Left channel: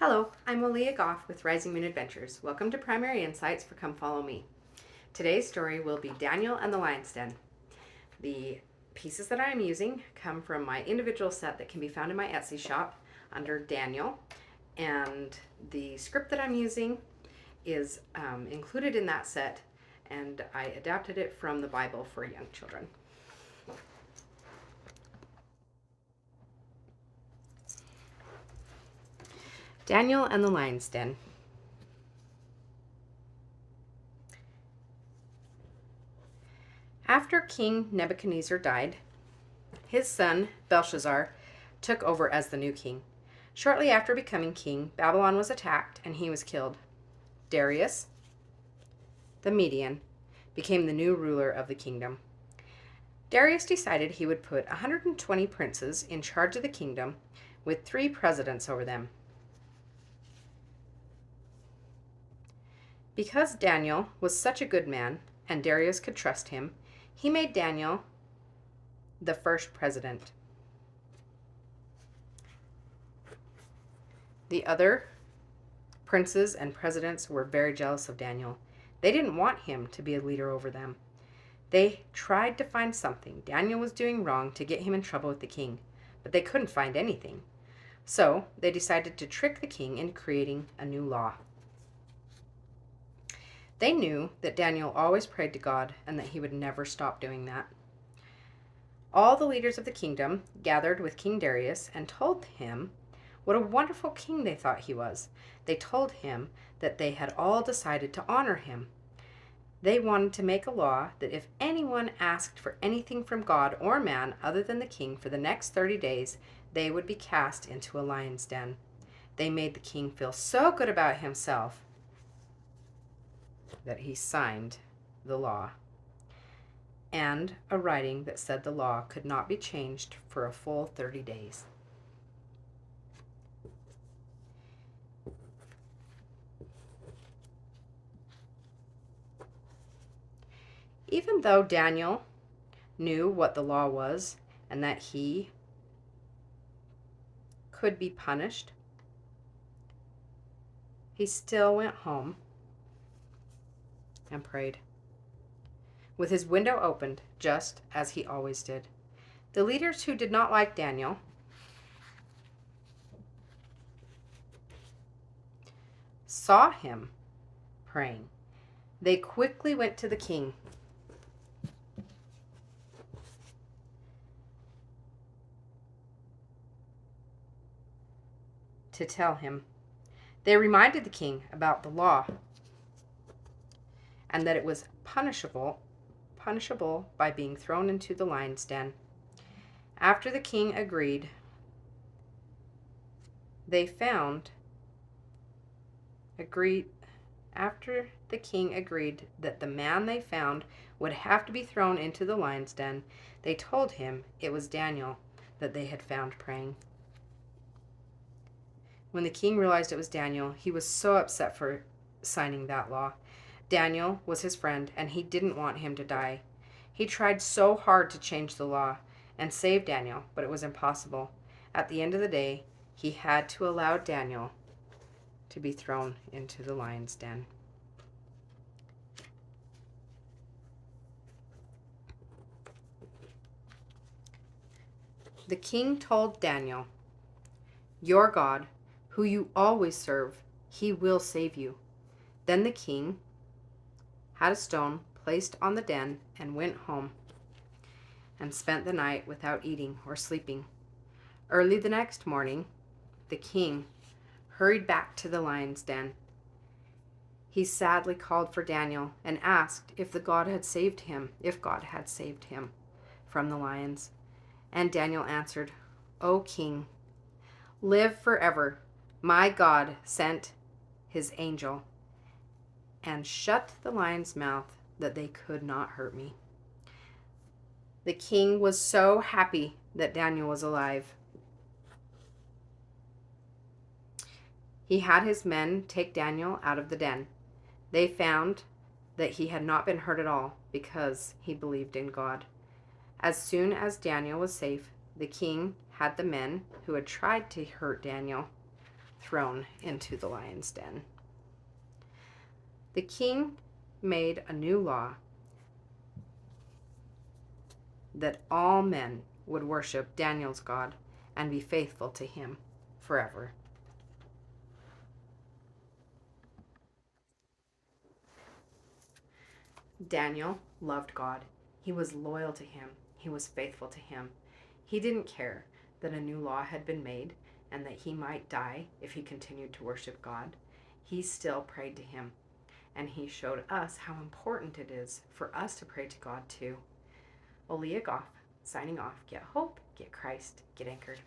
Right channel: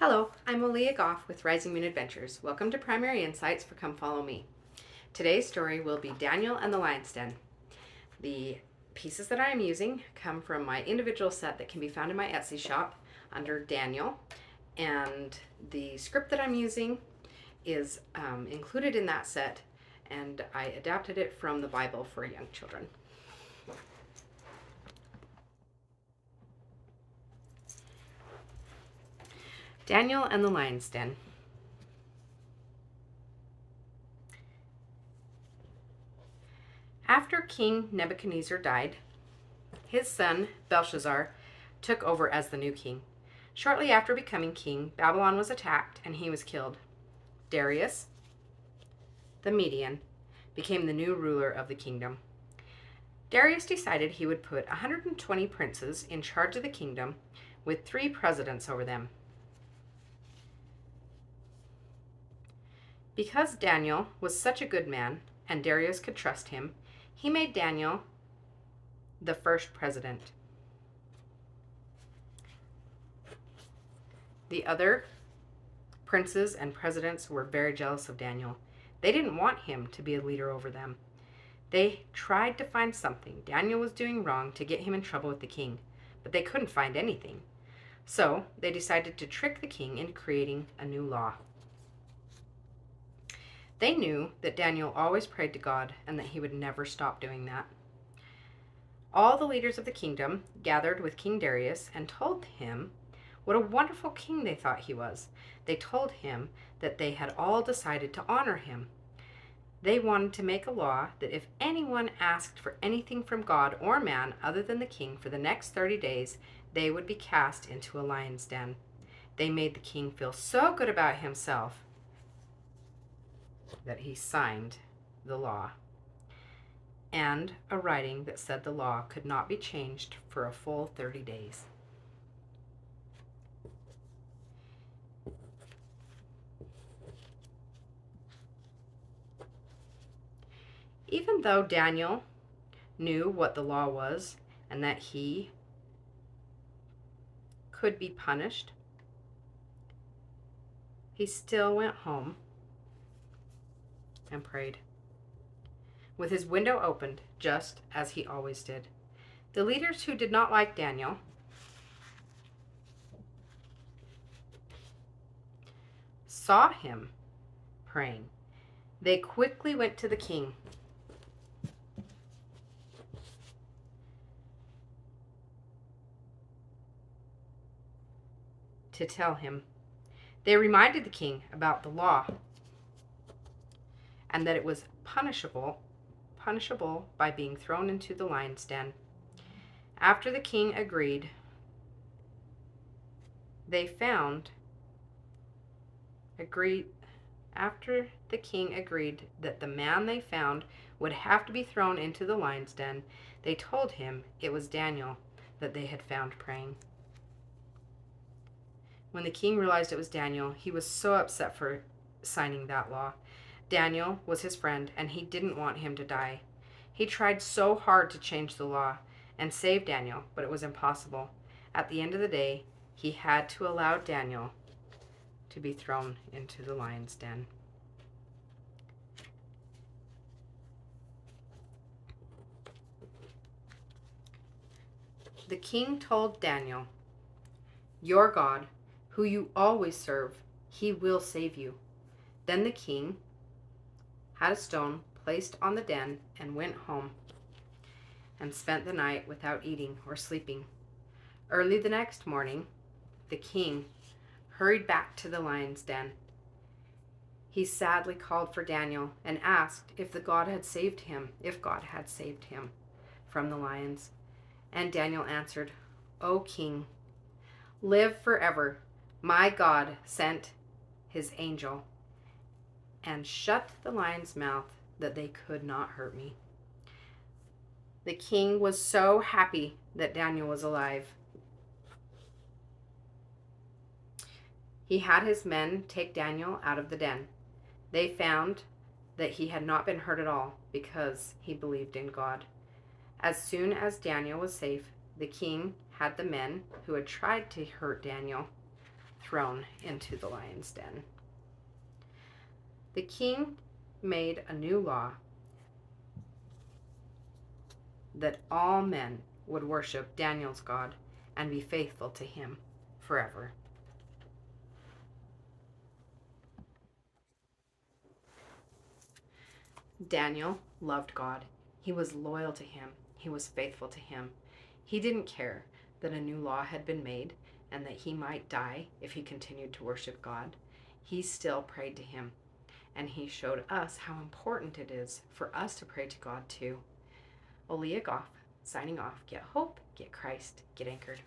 Hello, I'm Aaliyah Goff with Rising Moon Adventures. Welcome to Primary Insights for Come Follow Me. Today's story will be Daniel and the Lion's Den. The pieces that I am using come from my individual set that can be found in my Etsy shop under Daniel, and the script that I'm using is included in that set, and I adapted it from the Bible for young children. Daniel and the Lion's Den. After King Nebuchadnezzar died, his son Belshazzar took over as the new king. Shortly after becoming king, Babylon was attacked and he was killed. Darius, the Median, became the new ruler of the kingdom. Darius decided he would put 120 princes in charge of the kingdom with 3 presidents over them. Because Daniel was such a good man and Darius could trust him, he made Daniel the first president. The other princes and presidents were very jealous of Daniel. They didn't want him to be a leader over them. They tried to find something Daniel was doing wrong to get him in trouble with the king, but they couldn't find anything. So they decided to trick the king into creating a new law. They knew that Daniel always prayed to God and that he would never stop doing that. All the leaders of the kingdom gathered with King Darius and told him what a wonderful king they thought he was. They told him that they had all decided to honor him. They wanted to make a law that if anyone asked for anything from God or man other than the king for the next 30 days, they would be cast into a lion's den. They made the king feel so good about himself that he signed the law and a writing that said the law could not be changed for a full 30 days. Even though Daniel knew what the law was and that he could be punished, he still went home and prayed, with his window opened, just as he always did. The leaders who did not like Daniel saw him praying. They quickly went to the king to tell him. They reminded the king about the law and that it was punishable by being thrown into the lion's den. After the king agreed, after the king agreed that the man they found would have to be thrown into the lion's den, they told him it was Daniel that they had found praying. When the king realized it was Daniel, he was so upset for signing that law. Daniel was his friend, and he didn't want him to die. He tried so hard to change the law and save Daniel, but it was impossible. At the end of the day, he had to allow Daniel to be thrown into the lion's den. The king told Daniel, "Your God, who you always serve, he will save you." Then the king had a stone placed on the den and went home and spent the night without eating or sleeping. Early the next morning, the king hurried back to the lion's den. He sadly called for Daniel and asked if God had saved him from the lions. And Daniel answered, "O king, live forever. My God sent his angel and shut the lion's mouth that they could not hurt me." The king was so happy that Daniel was alive. He had his men take Daniel out of the den. They found that he had not been hurt at all because he believed in God. As soon as Daniel was safe, the king had the men who had tried to hurt Daniel thrown into the lion's den. The king made a new law that all men would worship Daniel's God and be faithful to him forever. Daniel loved God. He was loyal to him. He was faithful to him. He didn't care that a new law had been made and that he might die if he continued to worship God. He still prayed to him, and he showed us how important it is for us to pray to God too. Olia Goff, signing off. Get hope, get Christ, get anchored.